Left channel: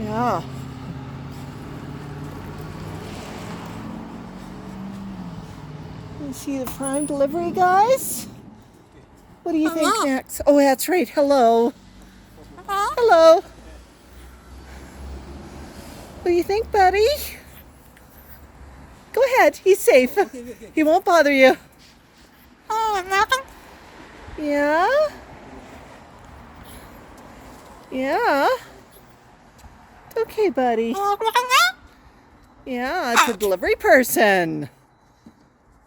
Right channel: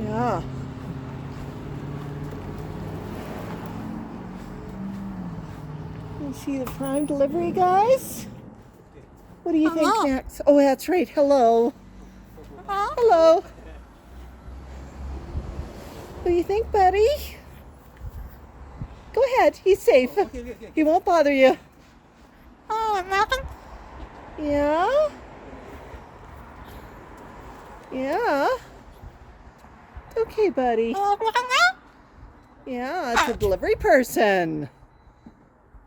Yeah. You see the Prime delivery guys? What do you think, Max? Oh, that's right. Hello. Hello. What do you think, buddy? Go ahead. He's safe. He won't bother you. Yeah? Yeah? Okay, buddy. Yeah, it's a delivery person.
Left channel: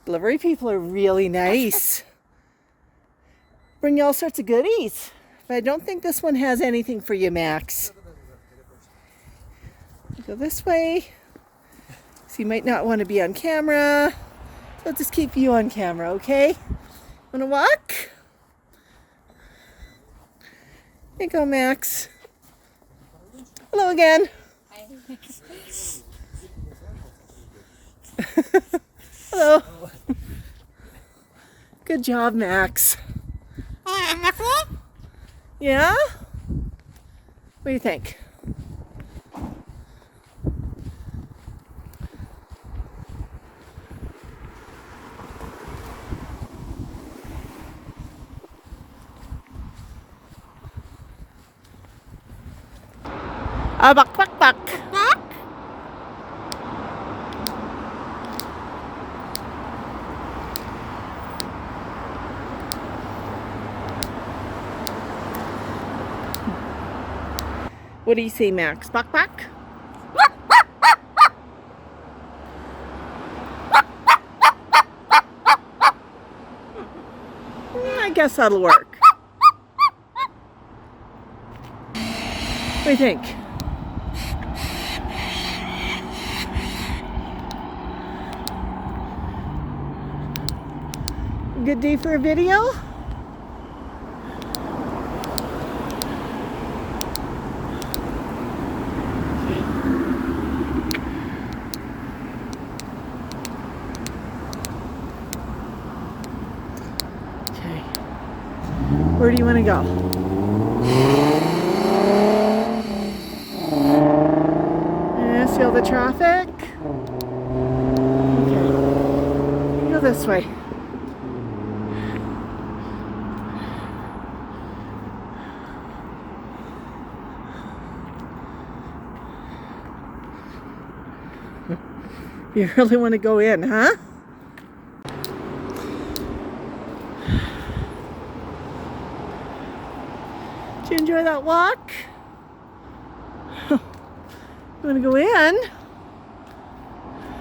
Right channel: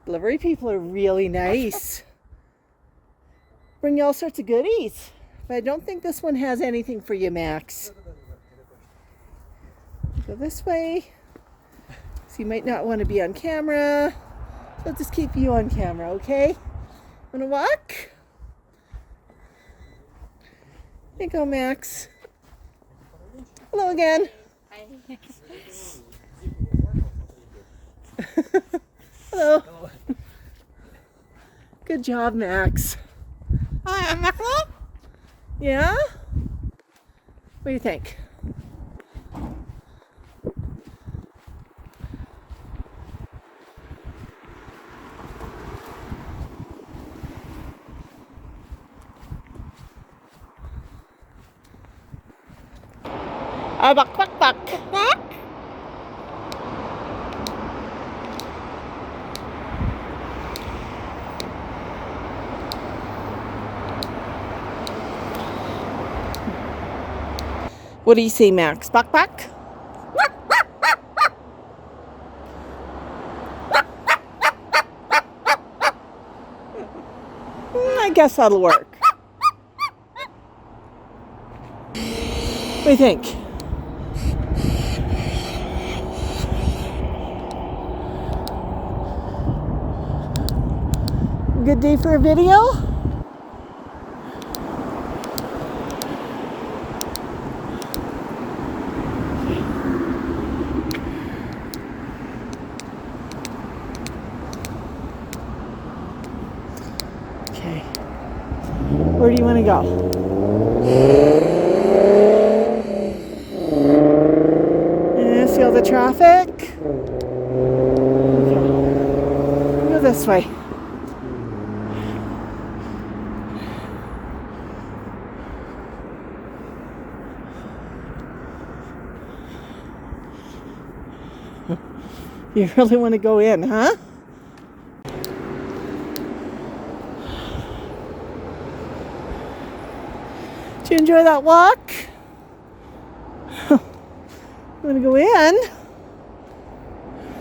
Delivery people are really nice. Bring you all sorts of goodies. But I don't think this one has anything for you, Max. Go this way. So you might not want to be on camera. I'll just keep you on camera, okay? Wanna walk? There you go, Max. Hello again. Hello. Good job, Max. Yeah? What do you think? Bak bak bak. What do you say, Max? Bak bak? I guess that'll work. What do you think? Good day for a video? Okay. Where do you want to go? Yeah, see all the traffic? Okay. Go this way. You really want to go in, huh? Did you enjoy that walk? You want to go in?